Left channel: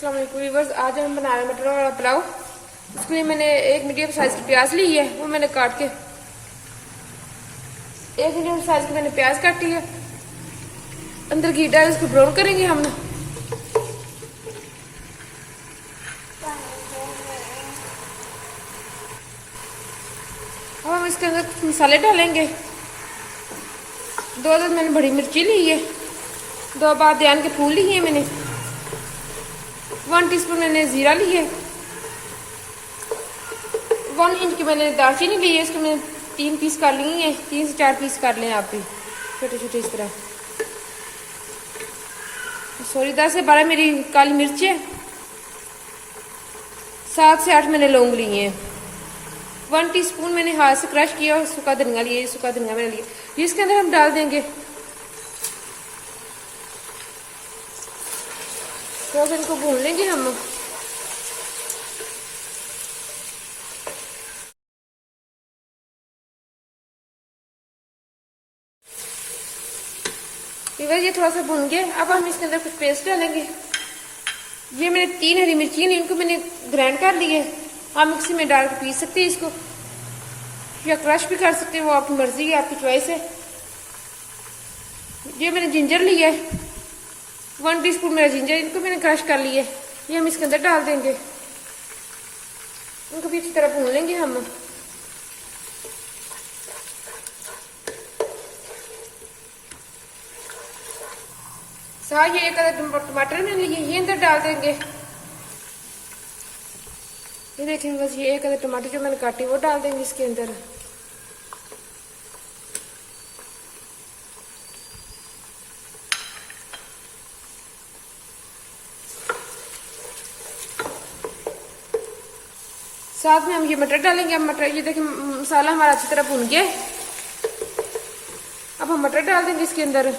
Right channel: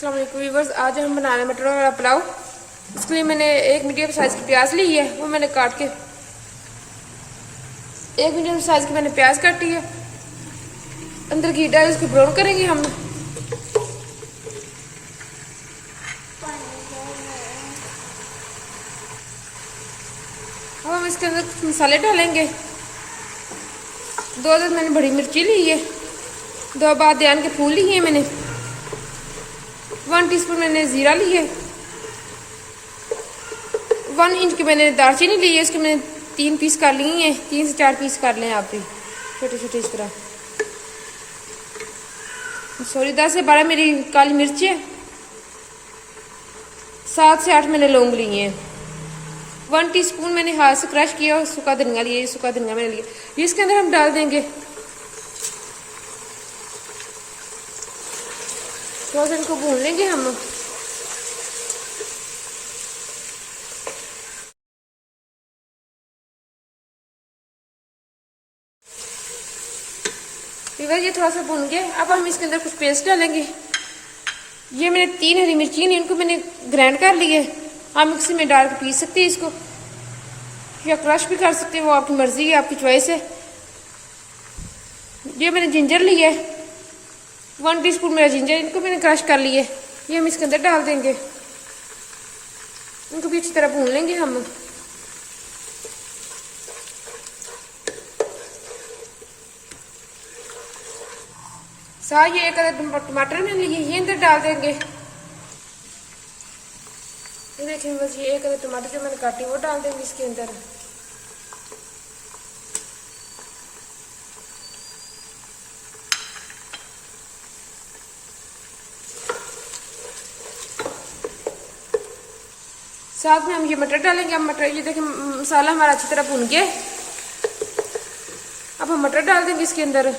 Viewers, आज हम बना रहे हैं मटर वाला पुलाव। इसके लिए मैंने एक मीडियम साइज की प्याज ली है, वो मैंने काट के एक मीडियम साइज की मैंने प्याज काटी है। अंदर घी डाल उसको ब्राउन करेंगे हम। अब हम इसके अंदर कुछ मसाले डालेंगे। 2 अदद मैंने बड़ी मिर्ची ली है, 2 बादियान के फूल लिए मैंने, 1 टीस्पून मैंने जीरा ली है, 1 इंच की मैंने दालचीनी ली है। इसको मैंने 3 पीस कर लिए हैं, 3 से 4 पीस कर लें आप भी, छोटे छोटे इस तरह। सॉरी, 10 से 12 मेरी काली मिर्च है, 7 से 8 मैंने लौंग लिए हैं, 1 टीस्पून मैंने हाथ से क्रश किया और सूखा धनिया लिया, सूखा धनिया मैंने लिया, इसके अंदर हम डाल देंगे। थोड़ा सा इनको भून लेंगे हम। ये थोड़ा सा भून गया। अब हम इसके अंदर कुछ पेस्ट डालेंगे। ये मैंने 3 हरी मिर्ची ली, इनको मैंने ग्राइंड कर लिया है। आप मिक्सी में डाल के पीस सकते हैं इसको, या क्रश भी कर सकते हैं, वो आपकी मर्जी है, आपकी चॉइस है। ये मैंने जिंजर लिया है, 1 टीस्पून मेरा जिंजर, इनको मैंने क्रश कर लिया है। ये हम इसके अंदर डाल देंगे, इनको भी अच्छी तरह भून लेंगे हम। साथ ये 1 अदद टमाटर मैंने लिए, ये अंदर डाल देंगे। ये देखेंगे, बस ये 1 अदद टमाटर जो मैंने काटे वो डाल देंगे इसके अंदर। साथ में हम ये मटर डालेंगे। अब मटर, ये देखिए मसाला हमारा अच्छी तरह भुन गया। अब हम मटर डाल देंगे इसके अंदर।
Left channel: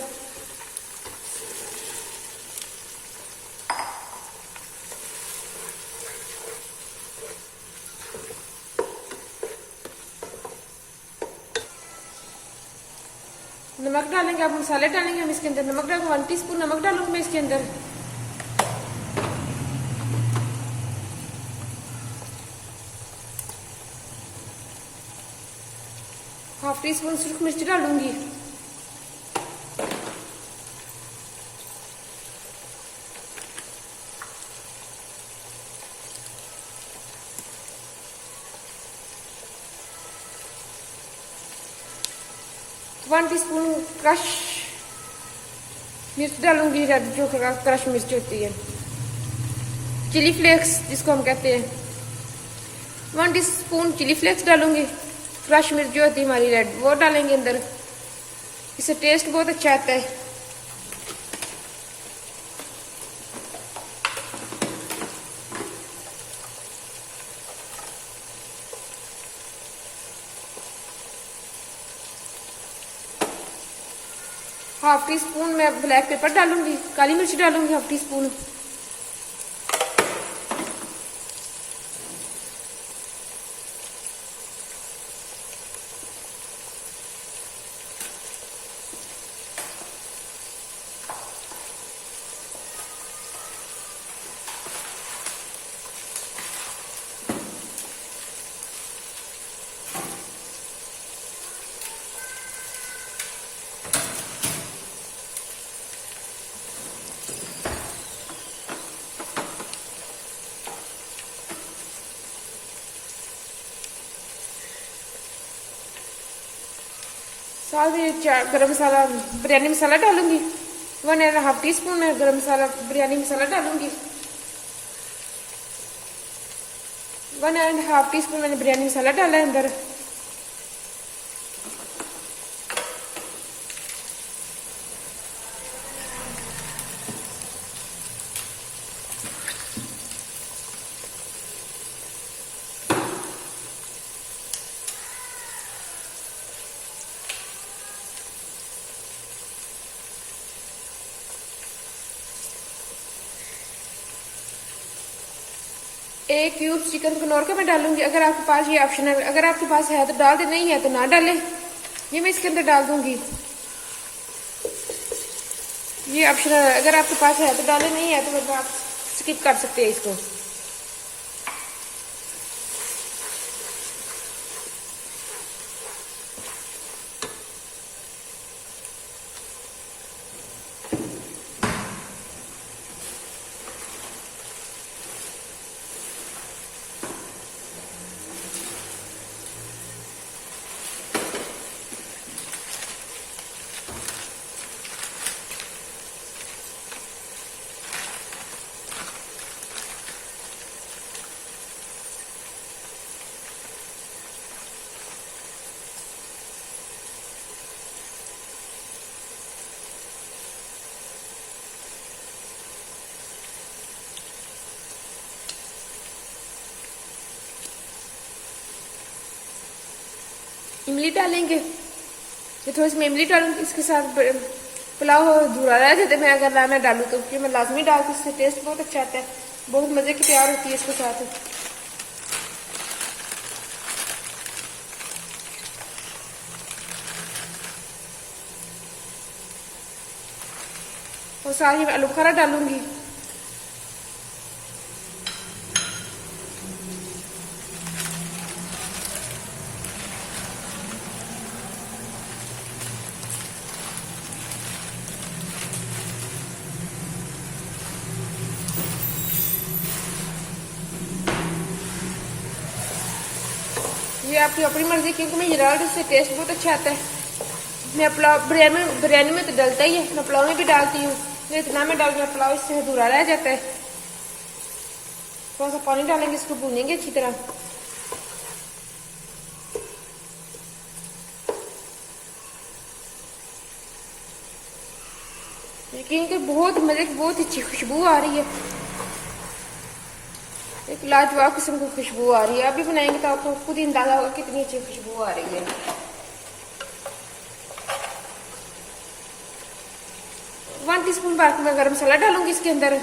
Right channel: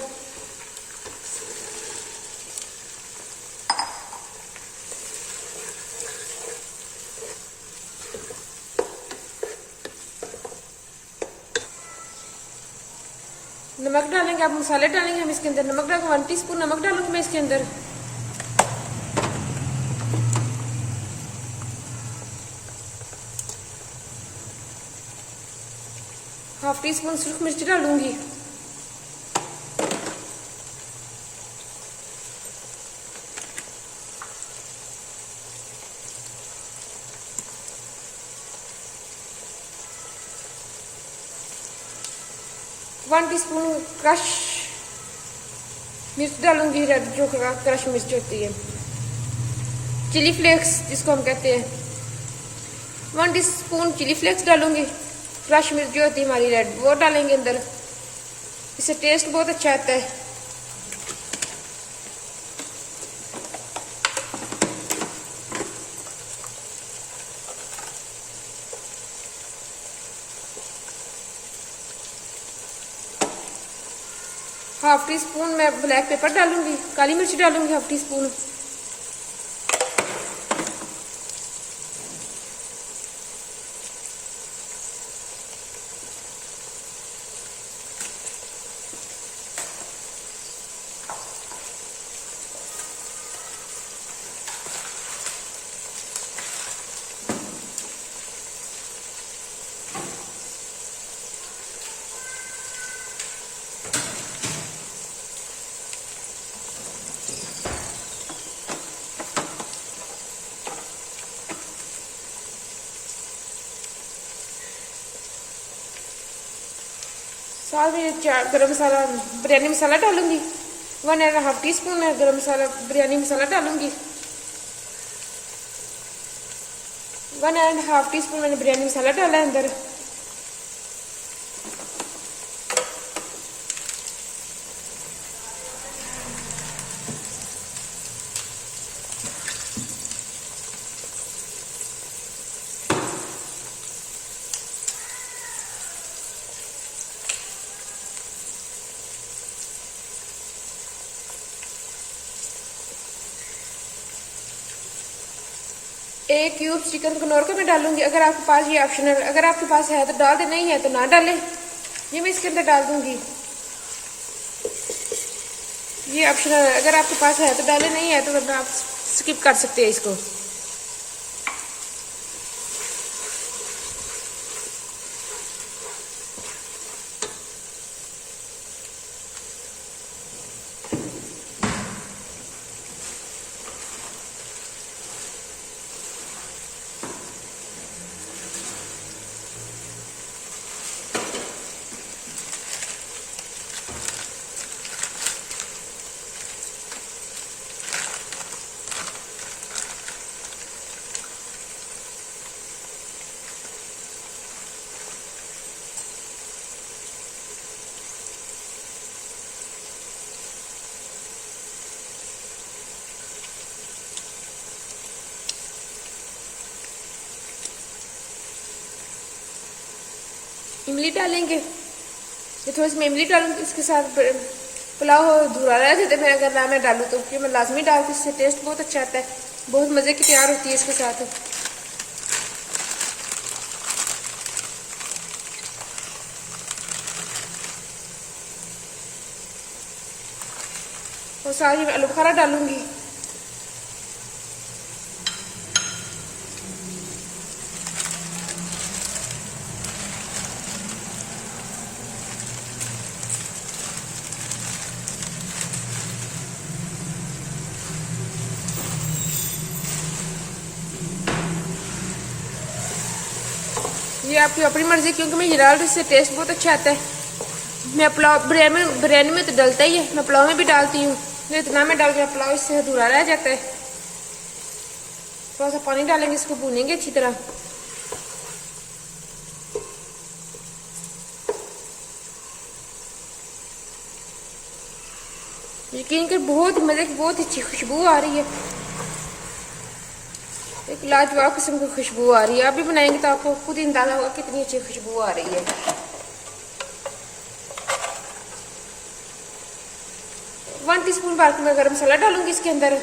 नमक डालेंगे, अब मसाले डालेंगे हम इसके अंदर। नमक डालूंगा, 1 टीस्पून नमक डालूंगी मैं इसके अंदर। ½ टीस्पून सूखी मिर्च डालूंगी। वन टीस्पून क्रश मिर्च डालूंगी, जो क्रश मिर्च होती है, चिली फ्लेक्स जिसको हम कहते हैं। 1 टीस्पून चिली फ्लेक्स डालूंगी। क्रश मिर्च जो होती है हमारी रेड, वो डालेंगे अंदर, इससे टेस्ट बहुत अच्छा आता है। ½ टीस्पून मैं ब्लैक पेपर डालूंगी, काली मिर्च डालूंगी ½ टीस्पून। साथ में गरम मसाला, बिरयानी मसाला डालूंगी। 1½ टीस्पून मैं गरम मसाला, बिरयानी मसाला डालूंगी। 1½ टीस्पून मैंने बिरयानी मसाला डाला है अंदर। एक क्यूब चिकन कनौर का मैं डालूंगी। अगर आपके पास, ये ऑप्शनल, अगर आपके पास है तो डाल दे, नहीं है तो ना डालें। ये मैं इसके अंदर डाल दूंगी। ये ऑप्शनल है, अगर आपके पास है तो डालें, नहीं है तो वरना आप स्किप कर सकते हैं इसको। इमली डालेंगे, ये थोड़ी सी मैं इमली डालूंगी इसके साथ। पुलाव अधूरा रह जाते मैं अगर मैं डालूँ तो, ये मैं लाजमी डालूँ, इससे टेस्ट बहुत अच्छा आता है, बहुत मज़े की तैयार होती है इसके साथ। और सारी मैं आलू बुखारा डालूंगी। ये आपकी अपनी मर्जी, क्योंकि मैं ये डाल रही, इससे टेस्ट बहुत अच्छा आता है। मैं पुलाव बिरयानी में तो डलता ही है, मैं पुलाव में भी डालती हूँ, ये इतना मैं डाल दिया पुलाव इससे अधूरा रह जाता है। थोड़ा सा पानी डालेंगे, इसको भूनेंगे अच्छी तरह। यकीन के बहुत मजे की बहुत अच्छी खुशबू आ रही है, एक लाजवाब किस्म की खुशबू आ रही है। अभी बनाएंगे तो आपको खुद ही अंदाजा होगा कितनी अच्छी खुशबू आ रही है। 1 टीस्पून भर के मैं गरम मसाला डालूंगी इसके अंदर।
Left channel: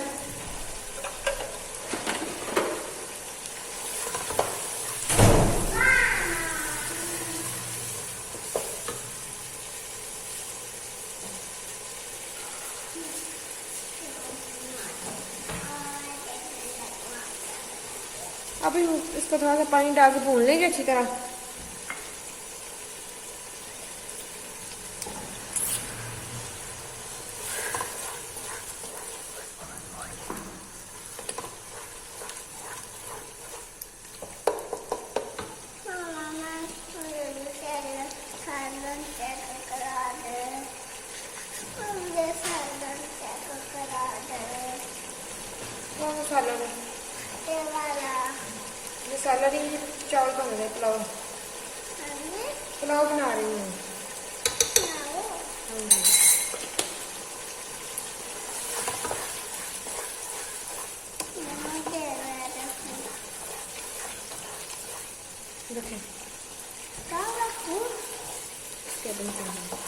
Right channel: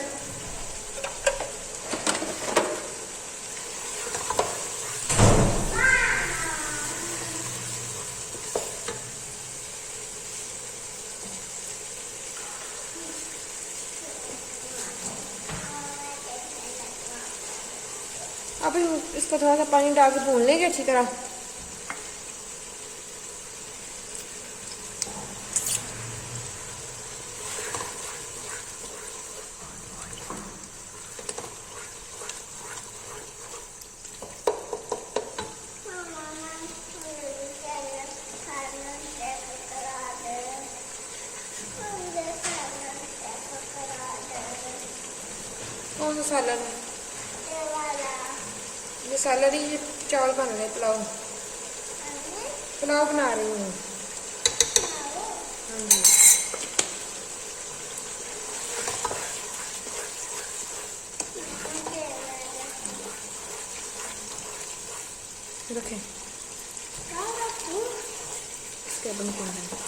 अब इसको थोड़ा सा पानी डाल के भून लेंगे अच्छी तरह। कौन सा सालन है? ये सालन ही चावल बना रहे, पुलाव बना रही हूँ। हाँ जी, देखें इसके बनते हैं।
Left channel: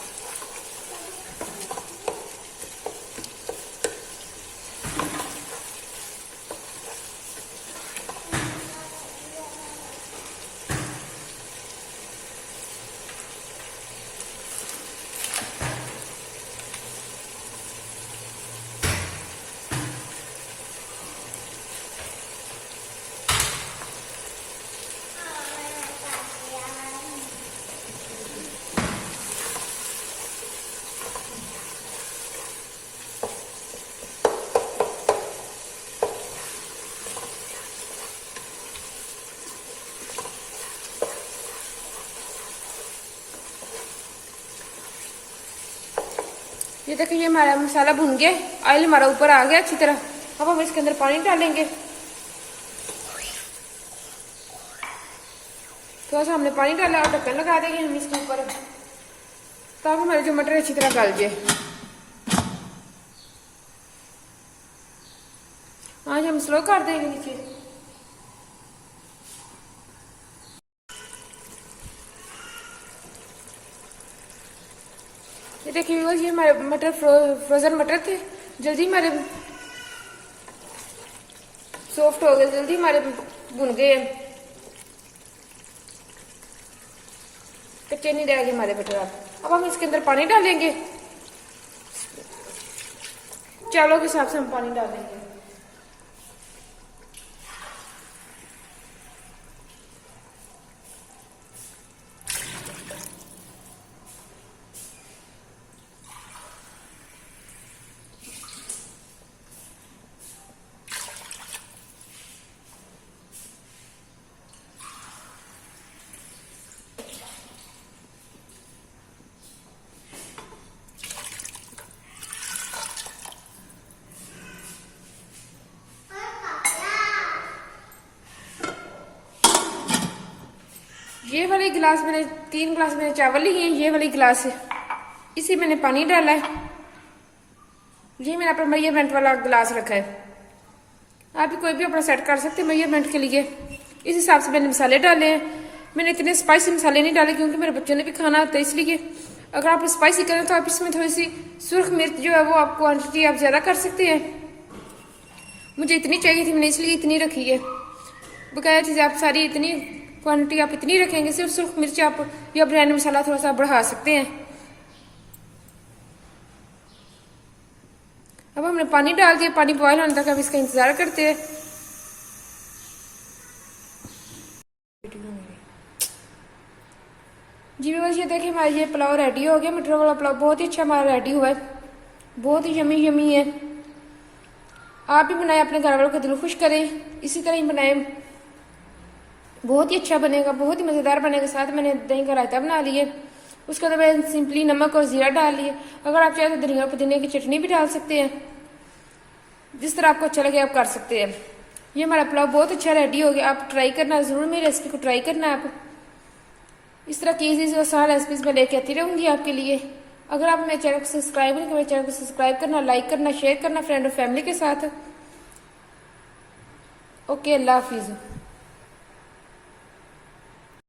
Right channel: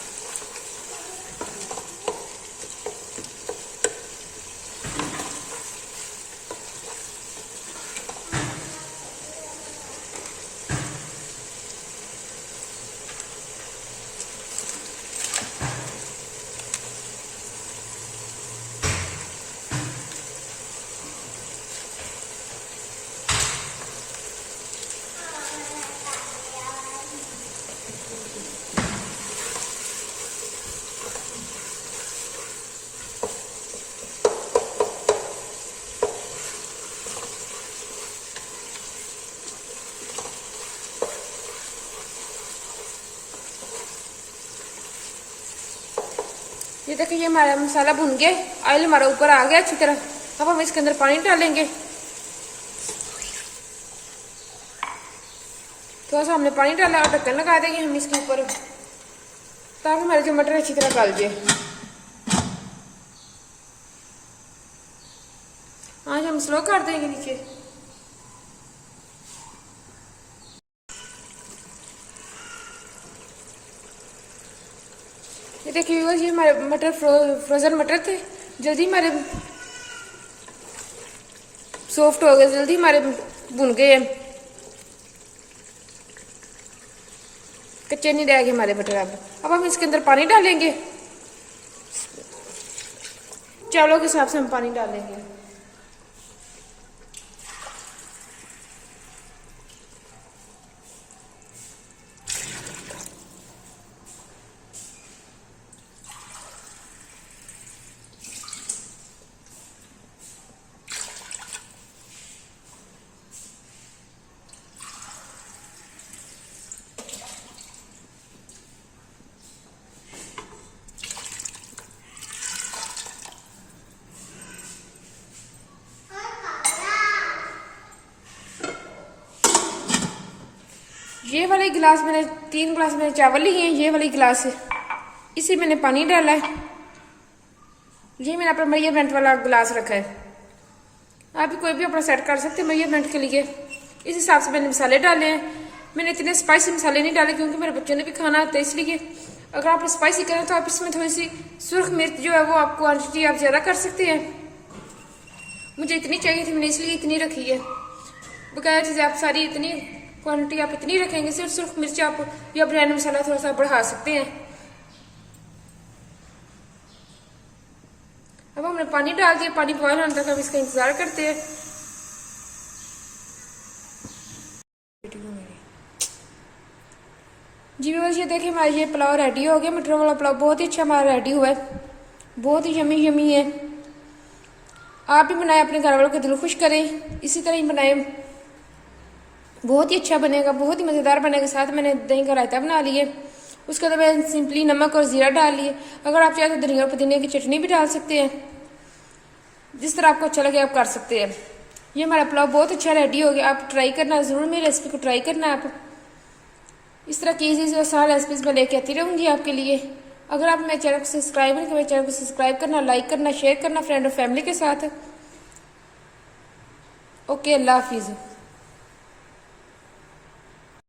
ये देखिए, ये हमारा मसाला भुन गया, ऑयल हमारा ऊपर आ गया अच्छी तरह। अब हम इसके अंदर पानी डालेंगे। थोड़ा सा हमने पानी डाला और ढक्कन लगा देंगे हम इसके ऊपर, ताकि हमारे जो मटर अच्छी तरह गल जाए। आज हम स्लो कर देंगे नीचे। ये देखिए व्यूअर्स, ये हमारे मटर फ्रोजन मटर थे, जल्दी हमारे सॉफ्ट हो गए, जल्दी हमारे भुन गए हैं, कच्चे नहीं रह गए हमारे मटर। अब हम इसके अंदर पानी डालेंगे, चावलों के हिसाब से हम पानी डालेंगे। ये वाले गिलास मैंने 3 गिलास मैंने चावल लिए हैं, ये वाली गिलास है, इसी मैंने पानी डाला है। ये मैंने अपना मेजरमेंट वाला गिलास रखा है। आप भी कोई भी अपना सेट कर सकते हैं मेजरमेंट के लिए। इस हिसाब से मैंने मसाले डाले हैं। मैंने इतने स्पाइसी मसाले नहीं डाले क्योंकि मेरे बच्चों ने भी खाना है, तो इसलिए अगर आप स्पाइसी करें तो आप इसमें थोड़ी सी सुर्ख मिर्च जो है वो आप क्वांटिटी आप ज़्यादा कर सकते हैं। मुझे इतनी चाहिए थी, मैंने इसलिए इतनी रखी है। बकाया चीज़ आप सारी इतनी क्वांटिटी आप इतनी रखेंगे, सिर्फ सुर्ख मिर्च आप या बिरयानी मसाला थोड़ा सा बढ़ा सकते हैं। अब हमने पानी डाल दिया, पानी बॉयल होने तक हम इसका इंतजार करते हैं। जी व्यूअर्स, ये देखिए हमारा ये पुलाव रेडी हो गया। मटर वाला पुलाव बहुत ही अच्छा हमारा रेडी हुआ है, बहुत ही यमी यमी है। आप भी बनाएं, अपने घर वालों को दिल खुश करें, इसी तरह ही बनाएं, बहुत ही अच्छा बनेगा, बहुत ही मज़ेदार बनेगा। साथ मैंने दही का रायता बना लिए, उसके बाद मैंने सिंपली नमक और ज़ीरा डाल लिए। अगर आप चाहें तो धनिया और पुदीने की चटनी भी डाल सकते हैं, जिस तरह आपको अच्छा लगे आप कर सकते हैं। ये हमारा पुलाव बहुत अच्छा रेडी हो गया। आप ट्राई करना ज़रूर, मेरी रेसिपी को ट्राई करना। आप इस तरह की इजी से आसान रेसिपीज मैं लेके आती रहूँगी आपके लिए। अगर आप मेरे चैनल को सब्सक्राइब नहीं करें, मेरे चैनल को सब्सक्राइब करना, लाइक करना, शेयर करना फ्रेंड और फैमिली के साथ। ओके, अल्लाह हाफिज़।